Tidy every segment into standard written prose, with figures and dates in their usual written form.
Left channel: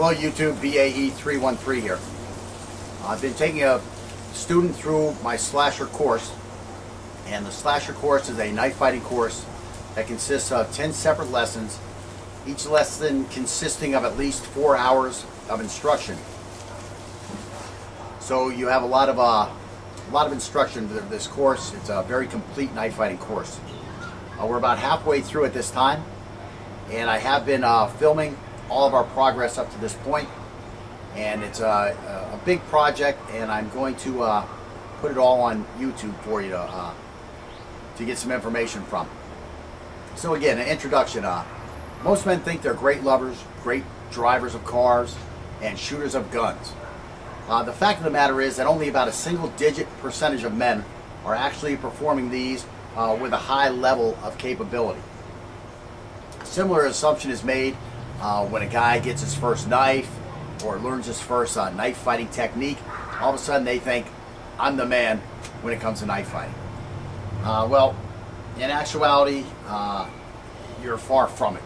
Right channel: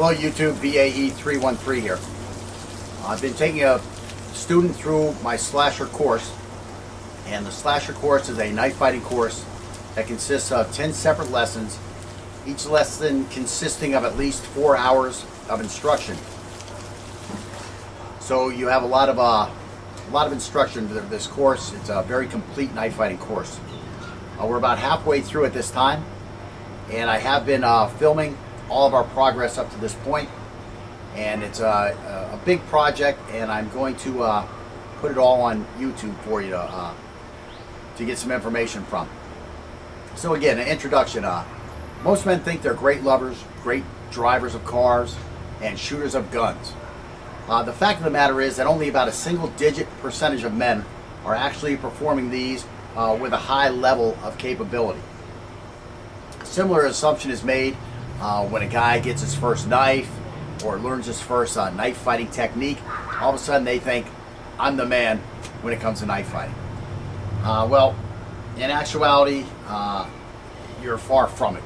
Hello YouTube, VAE313 here. I've been taking a student through my slasher course, and the slasher course is a knife fighting course that consists of 10 separate lessons, each lesson consisting of at least 4 hours of instruction. So you have a lot of instruction to this course. It's a very complete knife fighting course. We're about halfway through at this time, and I have been filming all of our progress up to this point, and it's a big project, and I'm going to put it all on YouTube for you to get some information from. So again, an introduction. Most men think they're great lovers, great drivers of cars, and shooters of guns. The fact of the matter is that only about a single-digit percentage of men are actually performing these with a high level of capability. A similar assumption is made when a guy gets his first knife or learns his first knife fighting technique. All of a sudden they think, I'm the man when it comes to knife fighting. Well, in actuality, you're far from it.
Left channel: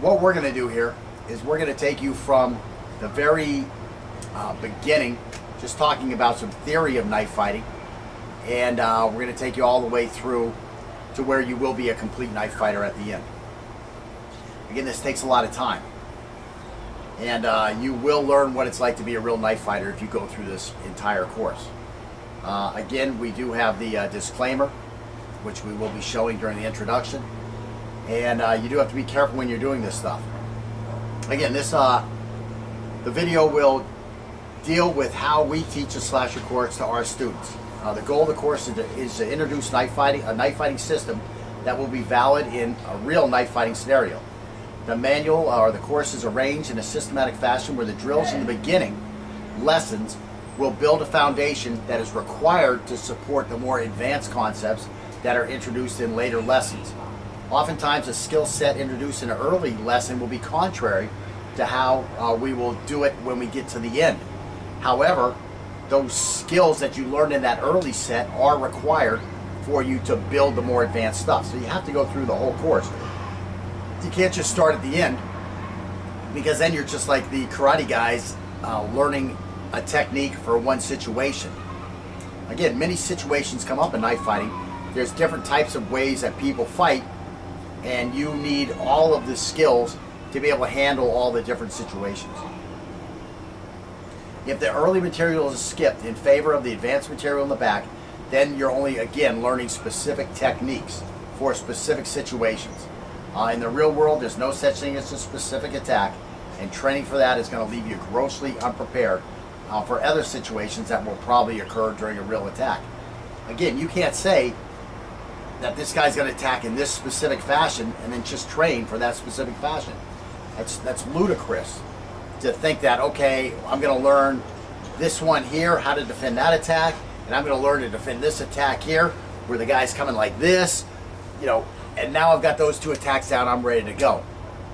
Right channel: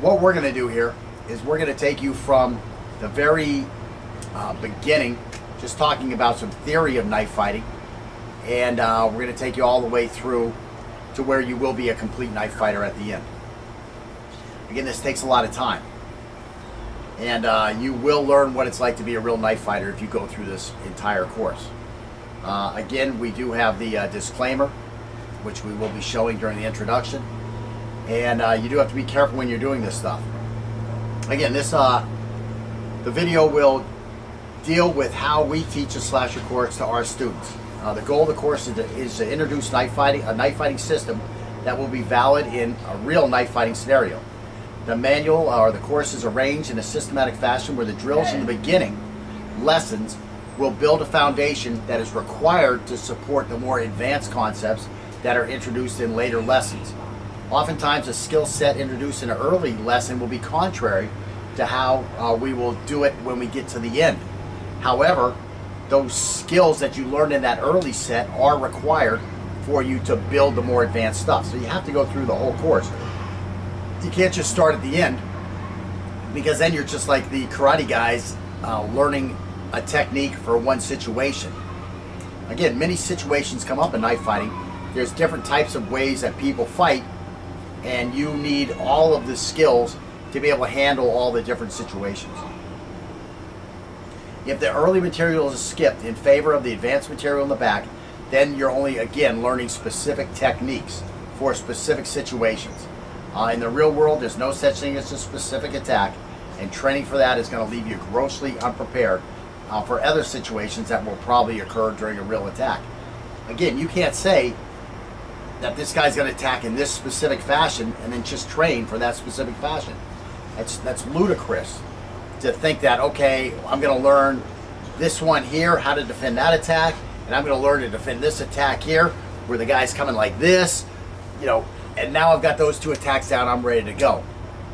What we're going to do here is we're going to take you from the very beginning, just talking about some theory of knife fighting, and we're going to take you all the way through to where you will be a complete knife fighter at the end. Again, this takes a lot of time, and you will learn what it's like to be a real knife fighter if you go through this entire course. Again, we do have the disclaimer, which we will be showing during the introduction, and you do have to be careful when you're doing this stuff. Again, the video will deal with how we teach a slasher course to our students. The goal of the course is to introduce a knife fighting system that will be valid in a real knife fighting scenario. The manual or the course is arranged in a systematic fashion where the drills in the beginning lessons will build a foundation that is required to support the more advanced concepts that are introduced in later lessons. Oftentimes, a skill set introduced in an early lesson will be contrary to how we will do it when we get to the end. However, those skills that you learned in that early set are required for you to build the more advanced stuff. So you have to go through the whole course. You can't just start at the end, because then you're just like the karate guys learning a technique for one situation. Again, many situations come up in knife fighting. There's different types of ways that people fight, and you need all of the skills to be able to handle all the different situations. If the early material is skipped in favor of the advanced material in the back, then you're only, again, learning specific techniques for specific situations. In the real world, there's no such thing as a specific attack, and training for that is going to leave you grossly unprepared for other situations that will probably occur during a real attack. Again, you can't say that this guy's going to attack in this specific fashion and then just train for that specific fashion. That's ludicrous to think that, okay, I'm going to learn this one here, how to defend that attack, and I'm going to learn to defend this attack here, where the guy's coming like this, you know, and now I've got those two attacks down, I'm ready to go.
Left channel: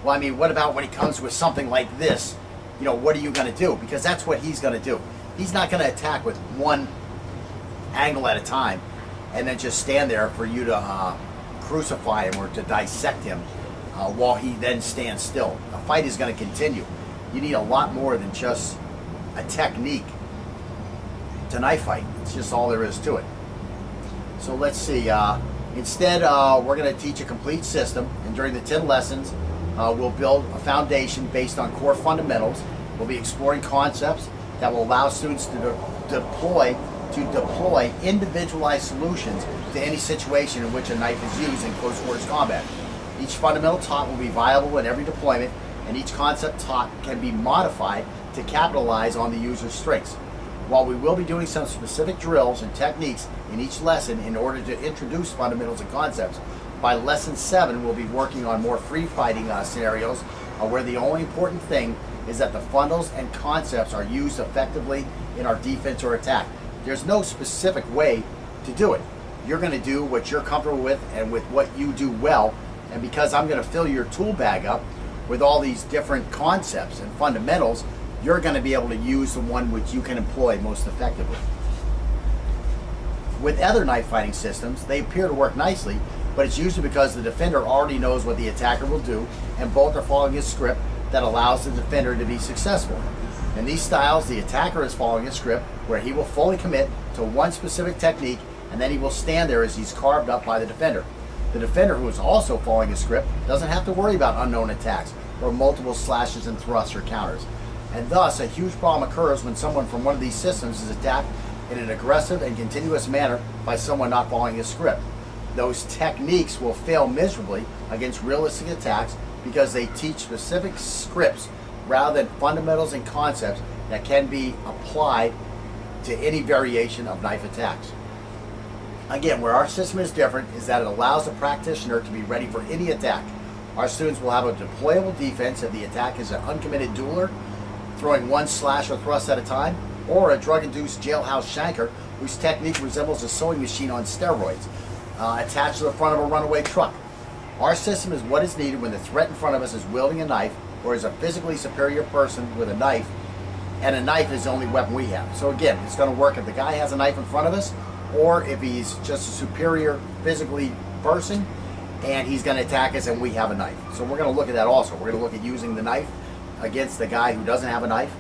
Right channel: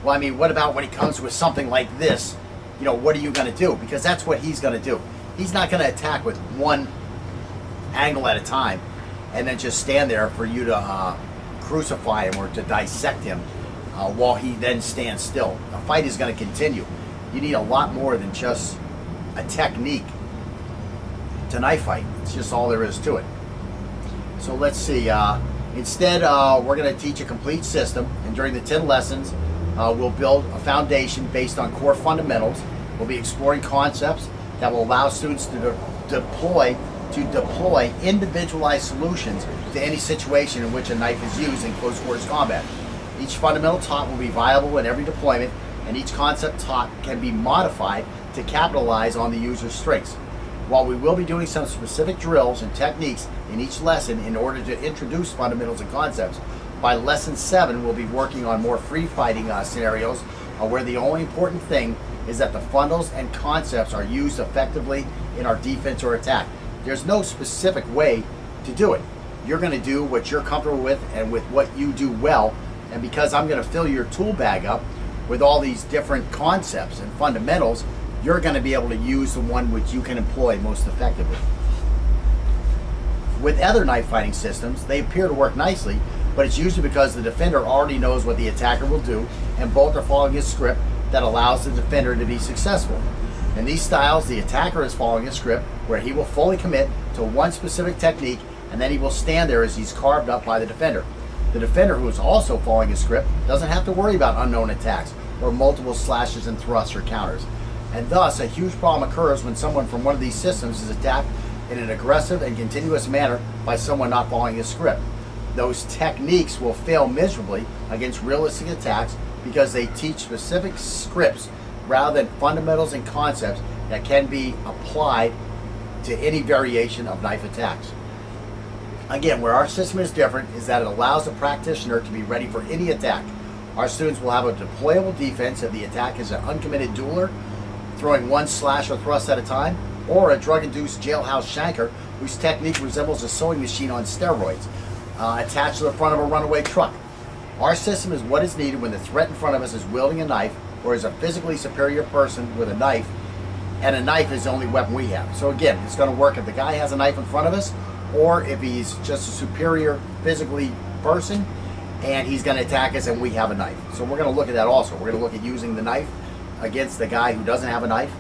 Well, I mean, what about when he comes with something like this? You know, what are you going to do? Because that's what he's going to do. He's not going to attack with one angle at a time and then just stand there for you to crucify him or to dissect him while he then stands still. The fight is going to continue. You need a lot more than just a technique to knife fight. It's just all there is to it. So let's see. Instead, we're going to teach a complete system, and during the 10 lessons, we'll build a foundation based on core fundamentals. We'll be exploring concepts that will allow students to deploy individualized solutions to any situation in which a knife is used in close quarters combat. Each fundamental taught will be viable in every deployment, and each concept taught can be modified to capitalize on the user's strengths. While we will be doing some specific drills and techniques in each lesson in order to introduce fundamentals and concepts, by lesson 7 we'll be working on more free fighting scenarios where the only important thing is that the fundamentals and concepts are used effectively in our defense or attack. There's no specific way to do it. You're going to do what you're comfortable with and with what you do well, and because I'm going to fill your tool bag up with all these different concepts and fundamentals, you're going to be able to use the one which you can employ most effectively. With other knife fighting systems, they appear to work nicely, but it's usually because the defender already knows what the attacker will do, and both are following a script that allows the defender to be successful. In these styles, the attacker is following a script where he will fully commit to one specific technique, and then he will stand there as he's carved up by the defender. The defender, who is also following a script, doesn't have to worry about unknown attacks or multiple slashes and thrusts or counters. And thus, a huge problem occurs when someone from one of these systems is attacked in an aggressive and continuous manner by someone not following a script. Those techniques will fail miserably against realistic attacks because they teach specific scripts rather than fundamentals and concepts that can be applied to any variation of knife attacks. Again, where our system is different is that it allows the practitioner to be ready for any attack. Our students will have a deployable defense if the attack is an uncommitted dueler, throwing one slash or thrust at a time, or a drug-induced jailhouse shanker whose technique resembles a sewing machine on steroids, attached to the front of a runaway truck. Our system is what is needed when the threat in front of us is wielding a knife or is a physically superior person with a knife, and a knife is the only weapon we have. So again, it's going to work if the guy has a knife in front of us, or if he's just a superior physically person and he's going to attack us and we have a knife. So we're going to look at that also. We're going to look at using the knife against the guy who doesn't have a knife.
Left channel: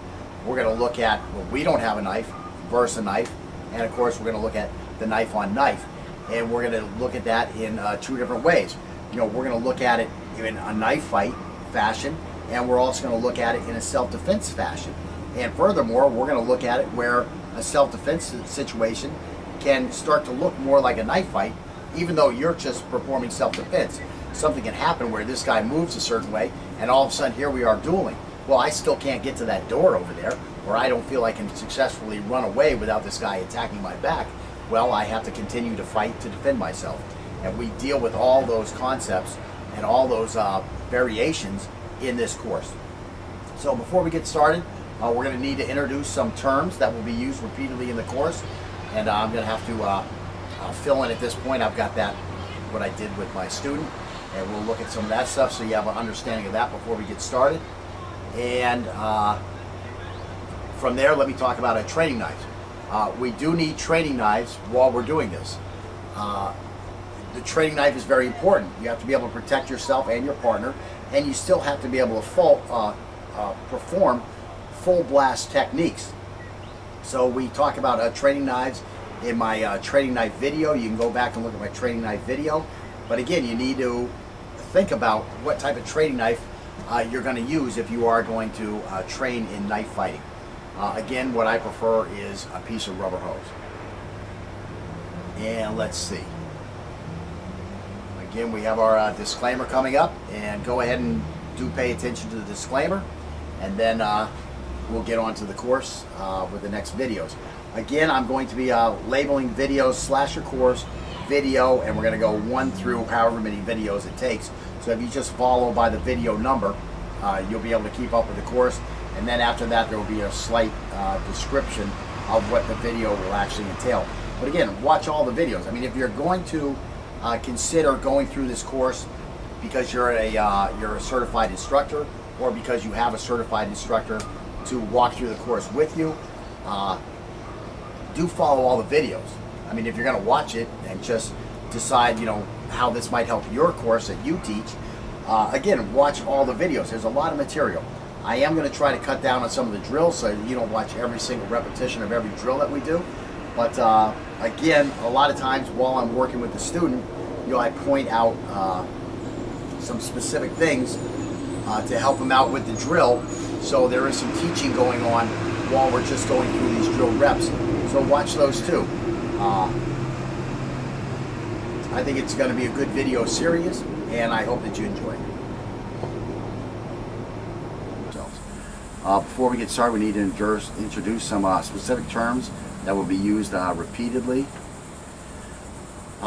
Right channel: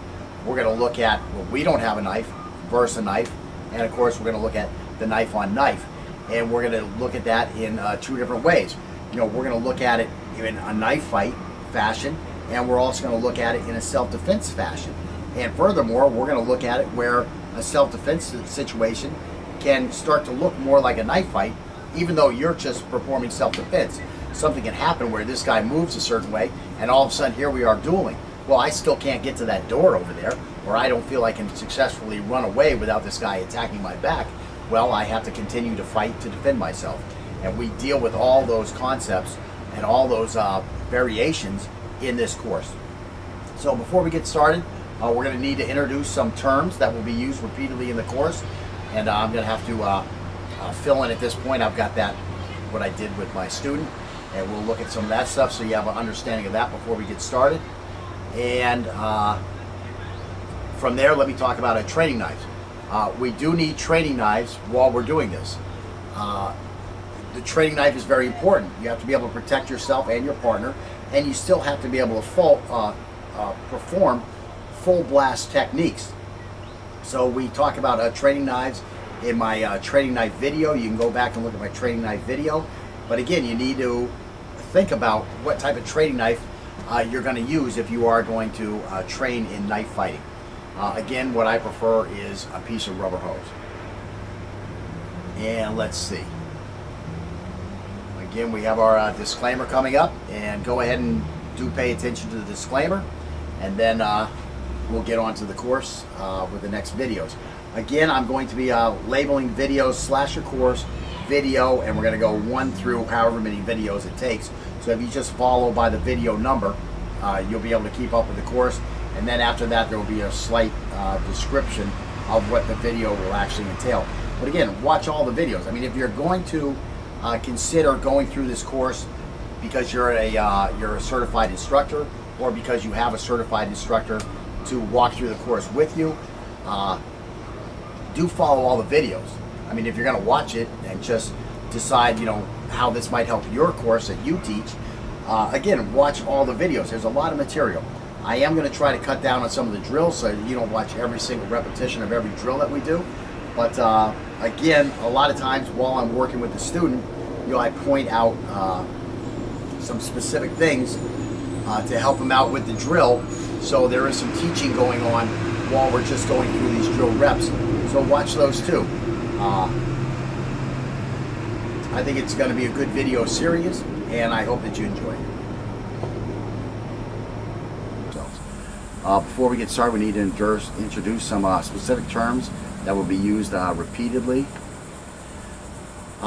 We're going to look at when we don't have a knife versus a knife, and of course we're going to look at the knife on knife, and we're going to look at that in two different ways. You know, we're going to look at it in a knife fight fashion, and we're also going to look at it in a self-defense fashion. And furthermore, we're going to look at it where a self-defense situation can start to look more like a knife fight, even though you're just performing self-defense. Something can happen where this guy moves a certain way, and all of a sudden here we are dueling. Well, I still can't get to that door over there, or I don't feel I can successfully run away without this guy attacking my back. Well, I have to continue to fight to defend myself. And we deal with all those concepts and all those variations in this course. So before we get started, we're going to need to introduce some terms that will be used repeatedly in the course. And I'm going to have to fill in at this point. I've got that, what I did with my student, and we'll look at some of that stuff so you have an understanding of that before we get started. And from there, let me talk about training knives. We do need training knives while we're doing this. The training knife is very important. You have to be able to protect yourself and your partner, and you still have to be able to perform full blast techniques. So we talk about training knives in my training knife video. You can go back and look at my training knife video. But again, you need to think about what type of training knife you're going to use if you are going to train in knife fighting. Again, what I prefer is a piece of rubber hose. And let's see. Again, we have our disclaimer coming up, and go ahead and do pay attention to the disclaimer, and then we'll get on to the course with the next videos. Again, I'm going to be labeling videos / your course video, and we're going to go 1 through however many videos it takes. So if you just follow by the video number, you'll be able to keep up with the course, and then after that there will be a slight description of what the video will actually entail. But again, watch all the videos. I mean, if you're going to consider going through this course because you're a certified instructor, or because you have a certified instructor to walk through the course with you, do follow all the videos. I mean, if you're going to watch it and just decide, you know, how this might help your course that you teach, again, watch all the videos. There's a lot of material. I am going to try to cut down on some of the drills so you don't watch every single repetition of every drill that we do. But again, a lot of times while I'm working with the student, you know, I point out some specific things to help them out with the drill. So there is some teaching going on while we're just going through these drill reps. So watch those too. I think it's going to be a good video series, and I hope that you enjoy it. Before we get started, we need to introduce some specific terms that will be used repeatedly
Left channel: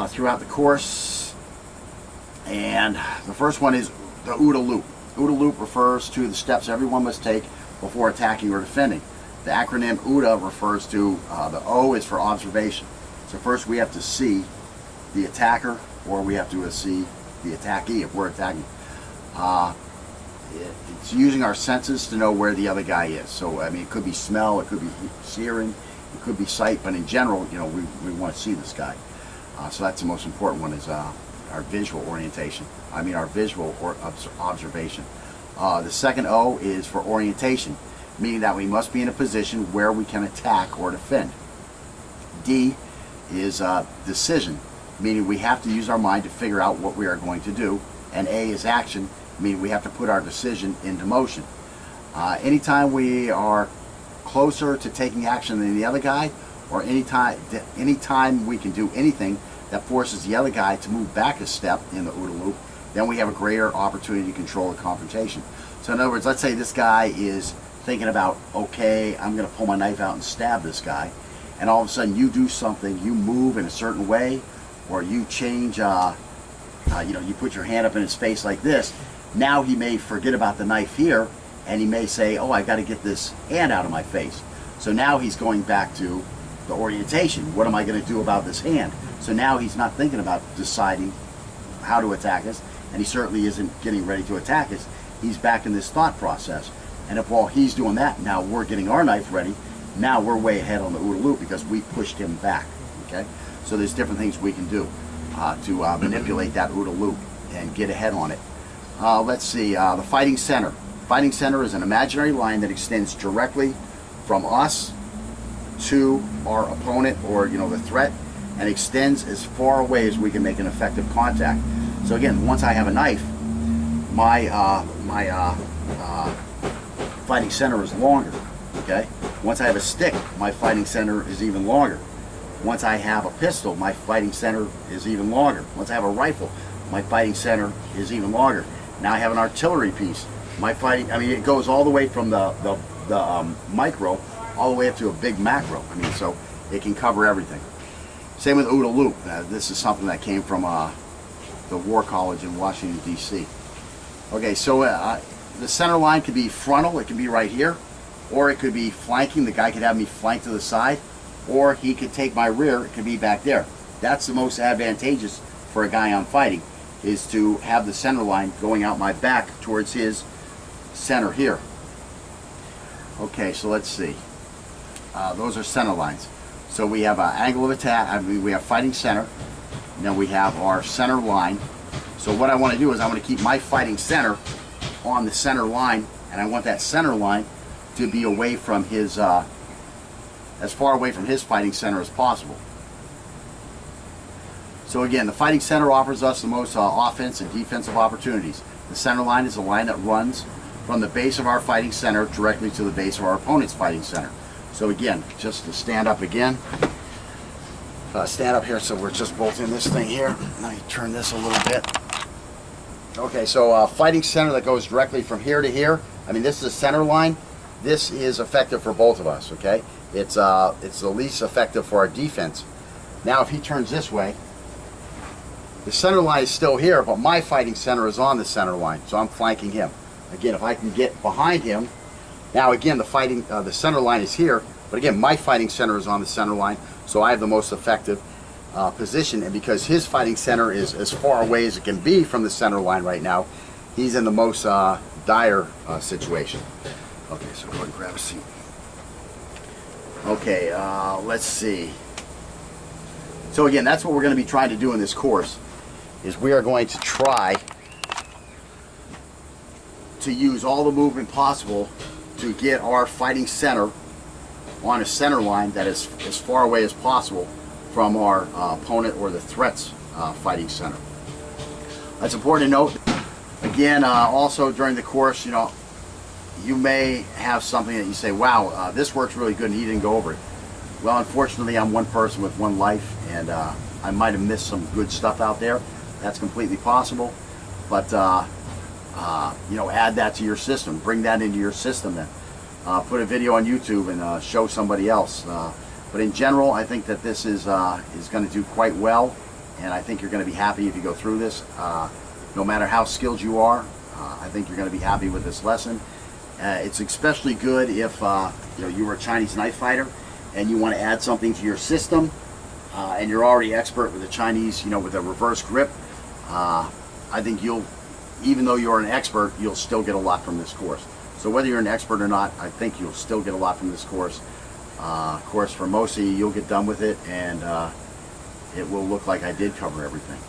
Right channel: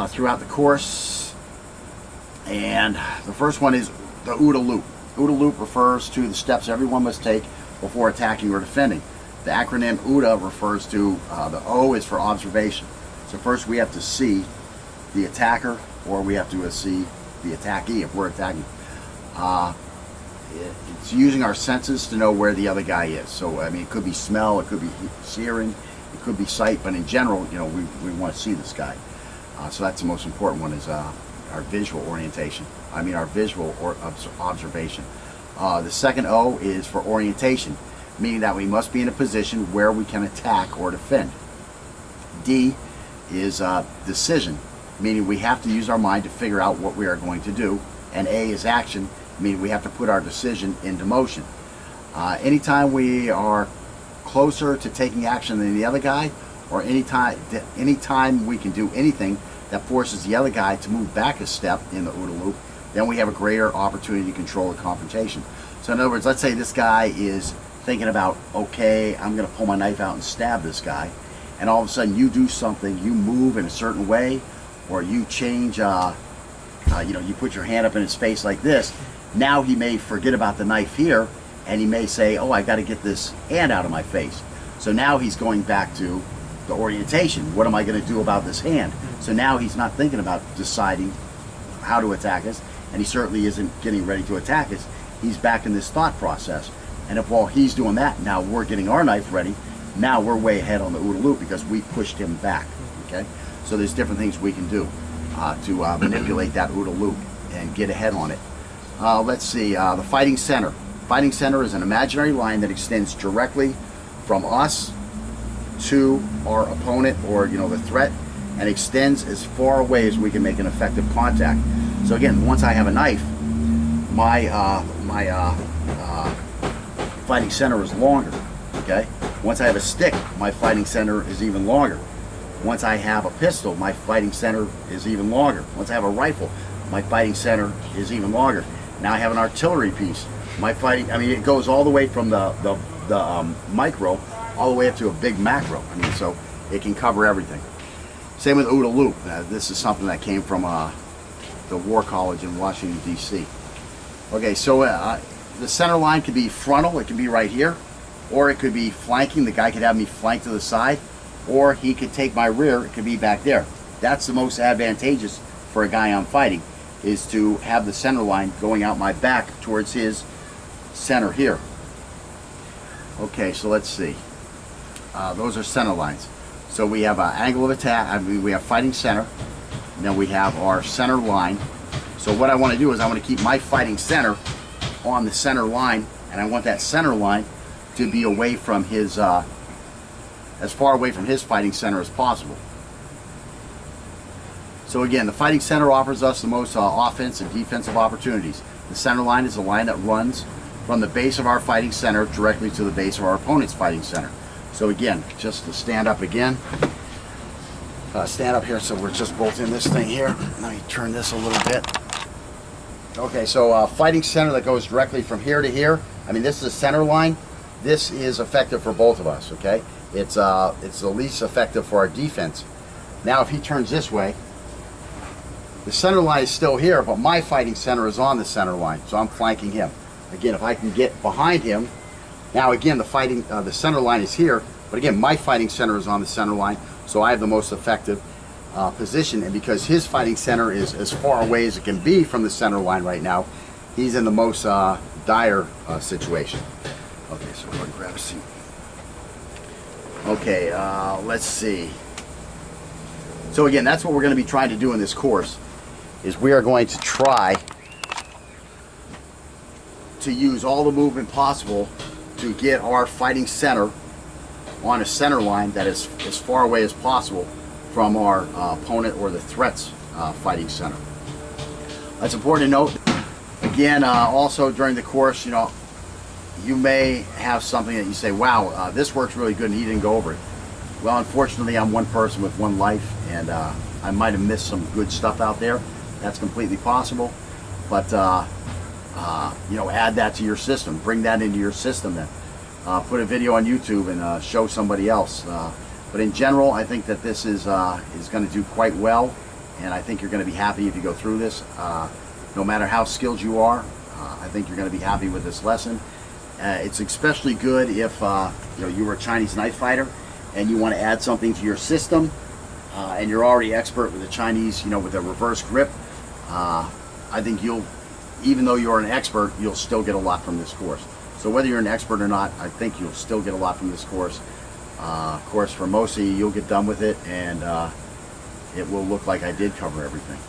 throughout the course. And the first one is the OODA loop. OODA loop refers to the steps everyone must take before attacking or defending. The acronym OODA refers to, the O is for observation. So first we have to see the attacker, or we have to see the attackee if we're attacking. It's using our senses to know where the other guy is. So I mean, it could be smell, it could be hearing, it could be sight, but in general, you know, we want to see this guy. So that's the most important one, is our visual orientation. I mean our visual observation. The second O is for orientation, meaning that we must be in a position where we can attack or defend. D is decision, meaning we have to use our mind to figure out what we are going to do. And A is action, meaning we have to put our decision into motion. Anytime we are closer to taking action than the other guy, or anytime we can do anything that forces the other guy to move back a step in the OODA loop, then we have a greater opportunity to control the confrontation. So in other words, let's say this guy is thinking about, okay, I'm going to pull my knife out and stab this guy, and all of a sudden you do something, you move in a certain way, or you change, you put your hand up in his face like this. Now he may forget about the knife here, and he may say, oh, I got to get this hand out of my face. So now he's going back to the orientation. What am I going to do about this hand? So now he's not thinking about deciding how to attack us, and he certainly isn't getting ready to attack us. He's back in this thought process. And if while he's doing that, now we're getting our knife ready, now we're way ahead on the OODA loop because we pushed him back. Okay? So there's different things we can do to manipulate that OODA loop and get ahead on it. Let's see, the fighting center. Fighting center is an imaginary line that extends directly from us to our opponent, or the threat, and extends as far away as we can make an effective contact. So again, once I have a knife, my fighting center is longer. Okay. Once I have a stick, my fighting center is even longer. Once I have a pistol, my fighting center is even longer. Once I have a rifle, my fighting center is even longer. Now I have an artillery piece. My fighting, it goes all the way from the micro all the way up to a big macro. So it can cover everything. Same with OODA loop. This is something that came from the War College in Washington, D.C. Okay, so the center line could be frontal. It could be right here, or it could be flanking. The guy could have me flank to the side, or he could take my rear. It could be back there. That's the most advantageous for a guy I'm fighting, is to have the center line going out my back towards his center here. Okay, so let's see. Those are center lines. So we have an angle of attack. We have fighting center. And then we have our center line. So what I want to do is I want to keep my fighting center on the center line, and I want that center line to be away from his, as far away from his fighting center as possible. So again, the fighting center offers us the most offense and defensive opportunities. The center line is a line that runs from the base of our fighting center directly to the base of our opponent's fighting center. So again, just to stand up again, stand up here so we're just both in this thing here. Let me turn this a little bit. Okay, so fighting center that goes directly from here to here. This is a center line. This is effective for both of us, okay? It's the least effective for our defense. Now if he turns this way, the center line is still here, but my fighting center is on the center line, so I'm flanking him. Again, if I can get behind him, now again the center line is here, but again my fighting center is on the center line, so I have the most effective position. And because his fighting center is as far away as it can be from the center line right now, he's in the most dire situation. Okay, so go ahead and grab a seat. Okay, let's see. So again, that's what we're going to be trying to do in this course, is we are going to try to use all the movement possible to get our fighting center on a center line that is as far away as possible from our opponent or the threat's fighting center. That's important to note. Again, also during the course, you may have something that you say, wow, this works really good and he didn't go over it. Well, unfortunately, I'm one person with one life, and I might have missed some good stuff out there. That's completely possible. But add that to your system. Bring that into your system then. Put a video on YouTube and show somebody else. But in general, I think that this is going to do quite well, and I think you're going to be happy if you go through this. No matter how skilled you are, I think you're going to be happy with this lesson. It's especially good if you were a Chinese knife fighter and you want to add something to your system, and you're already expert with the Chinese, with a reverse grip. I think even though you're an expert, you'll still get a lot from this course. So whether you're an expert or not, I think you'll still get a lot from this course. Of course, for most of you, you'll get done with it, and it will look like I did cover everything.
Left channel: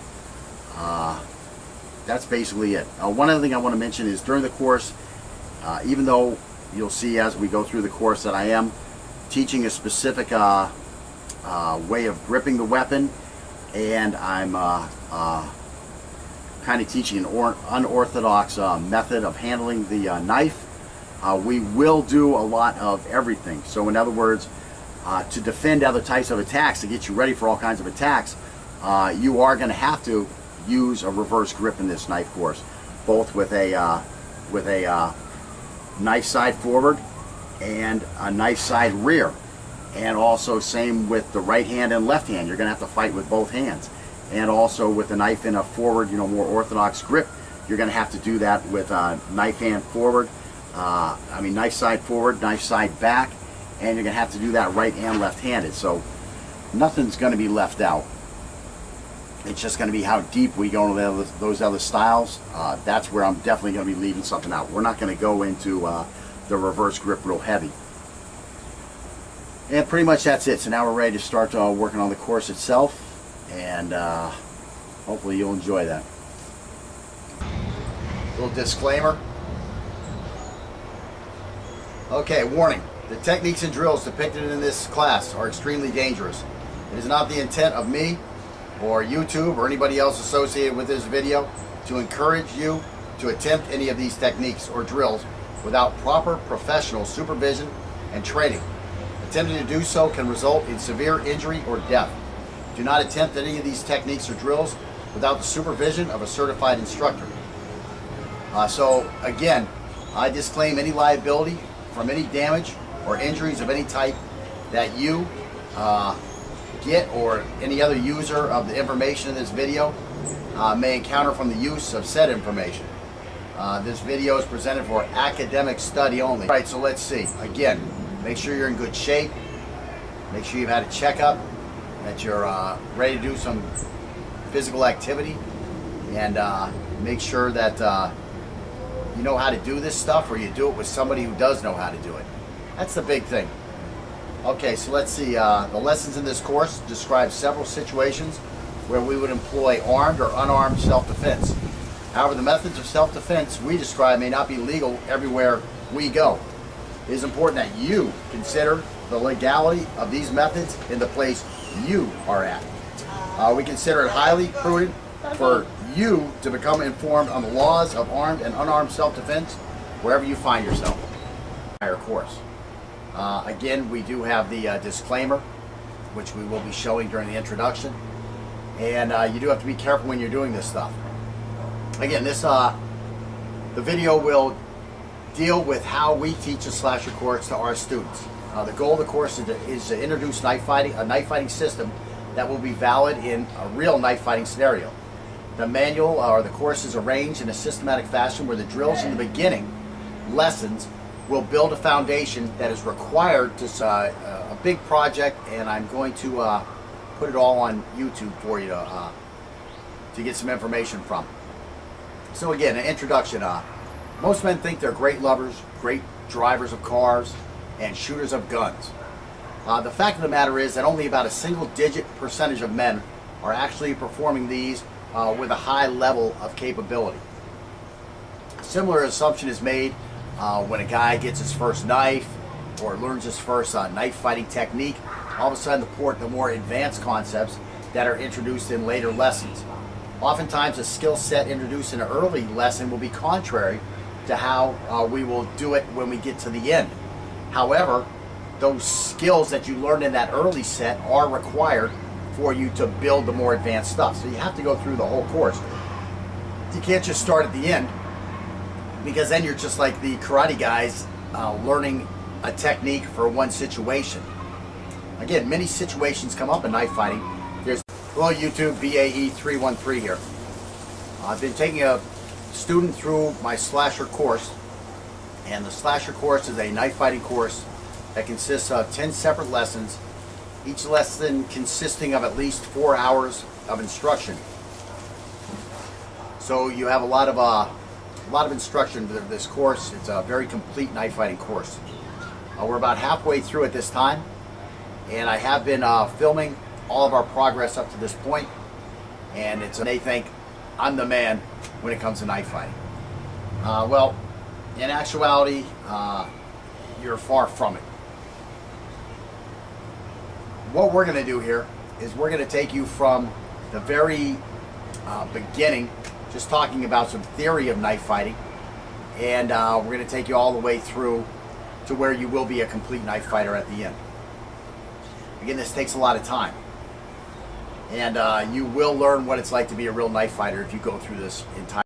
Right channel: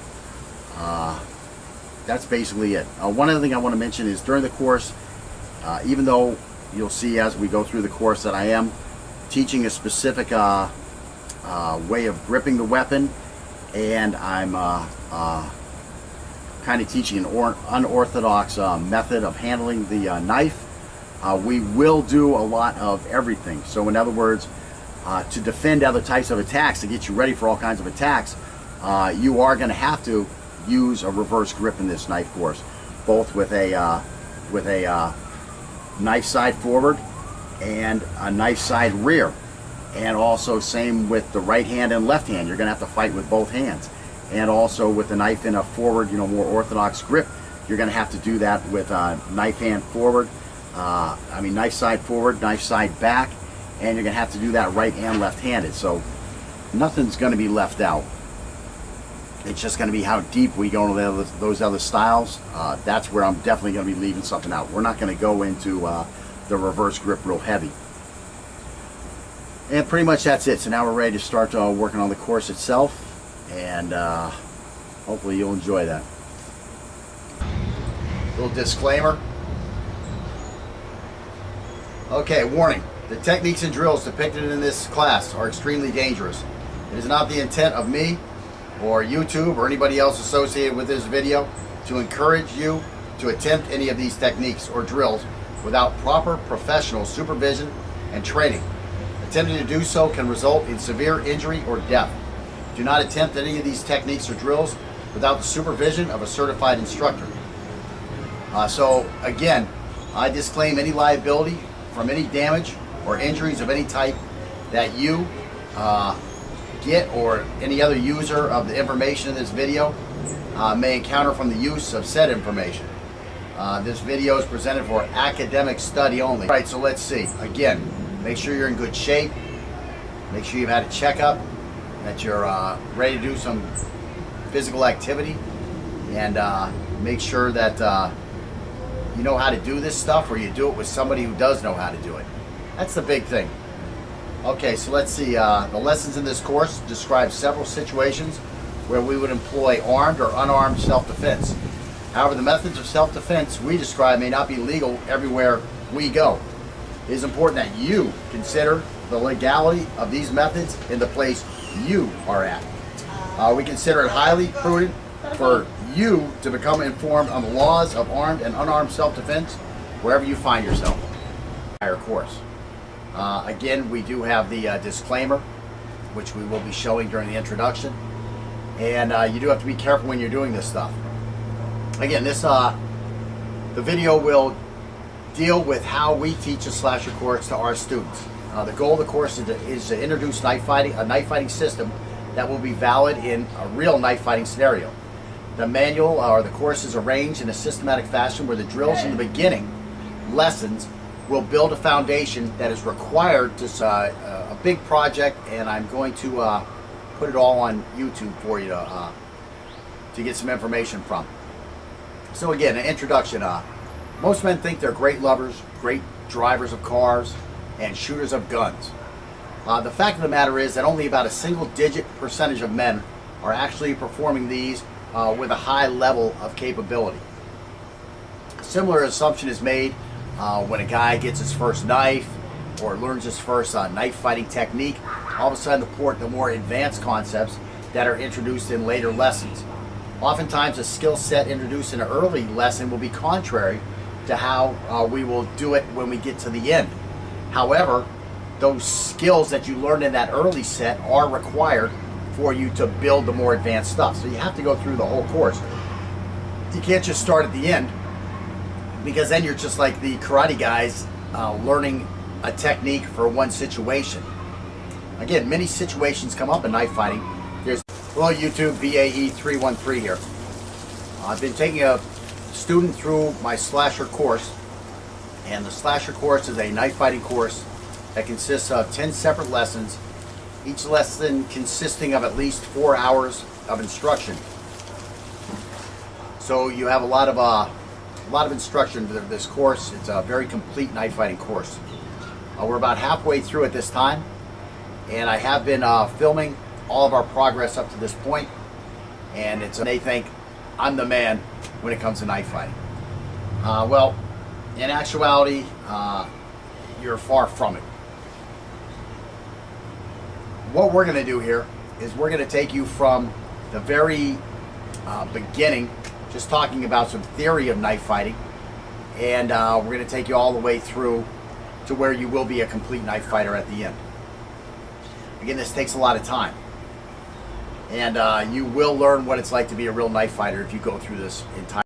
that's basically it. One other thing I want to mention is during the course, even though you'll see as we go through the course that I am teaching a specific way of gripping the weapon, and I'm kind of teaching an unorthodox method of handling the knife, we will do a lot of everything. So in other words, to defend other types of attacks, to get you ready for all kinds of attacks, you are going to have to use a reverse grip in this knife course, both with a knife side forward and a knife side rear, and also same with the right hand and left hand. You're going to have to fight with both hands, and also with the knife in a forward, more orthodox grip, you're going to have to do that with a knife hand forward. Knife side forward, knife side back, and you're going to have to do that right and left-handed. So nothing's going to be left out. It's just going to be how deep we go into those other styles. That's where I'm definitely going to be leaving something out. We're not going to go into the reverse grip real heavy. And pretty much that's it. So now we're ready to start working on the course itself, and hopefully you'll enjoy that. Little disclaimer. Okay, warning. The techniques and drills depicted in this class are extremely dangerous. It is not the intent of me or YouTube or anybody else associated with this video to encourage you to attempt any of these techniques or drills without proper professional supervision and training. Attempting to do so can result in severe injury or death. Do not attempt any of these techniques or drills without the supervision of a certified instructor. So again, I disclaim any liability from any damage or injuries of any type that you get or any other user of the information in this video may encounter from the use of said information. This video is presented for academic study only. All right, so let's see. Again, make sure you're in good shape. Make sure you've had a checkup, that you're ready to do some physical activity, and make sure that you know how to do this stuff, or you do it with somebody who does know how to do it. That's the big thing. Okay, so let's see. The lessons in this course describe several situations where we would employ armed or unarmed self-defense. However, the methods of self-defense we describe may not be legal everywhere we go. It is important that you consider the legality of these methods in the place you are at. We consider it highly prudent for you to become informed on the laws of armed and unarmed self-defense wherever you find yourself. Entire course. Again, we do have the disclaimer, which we will be showing during the introduction, and you do have to be careful when you're doing this stuff. Again, the video will deal with how we teach a slasher course to our students. The goal of the course is to introduce a knife fighting system that will be valid in a real knife fighting scenario. The manual or the course is arranged in a systematic fashion where the drills in the beginning lessons will build a foundation that is required to a big project, and I'm going to put it all on YouTube for you to get some information from. So again, an introduction. Most men think they're great lovers, great drivers of cars, and shooters of guns. The fact of the matter is that only about a single-digit percentage of men are actually performing these with a high level of capability. A similar assumption is made when a guy gets his first knife or learns his first knife fighting technique. All of a sudden, the more advanced concepts that are introduced in later lessons. Oftentimes, a skill set introduced in an early lesson will be contrary to how we will do it when we get to the end. However, those skills that you learned in that early set are required for you to build the more advanced stuff. So you have to go through the whole course. You can't just start at the end, because then you're just like the karate guys learning a technique for one situation. Again, many situations come up in knife fighting. There's hello YouTube, BAE313 here. I've been taking a student through my slasher course, and the slasher course is a knife fighting course that consists of 10 separate lessons, each lesson consisting of at least 4 hours of instruction. So you have a lot of instruction to this course. It's a very complete knife fighting course. We're about halfway through at this time, and I have been filming all of our progress up to this point, and they thank I'm the man when it comes to knife fighting. Well, in actuality, you're far from it. What we're going to do here is we're going to take you from the very beginning, just talking about some theory of knife fighting, and we're going to take you all the way through to where you will be a complete knife fighter at the end. Again, this takes a lot of time, and you will learn what it's like to be a real knife fighter if you go through this entire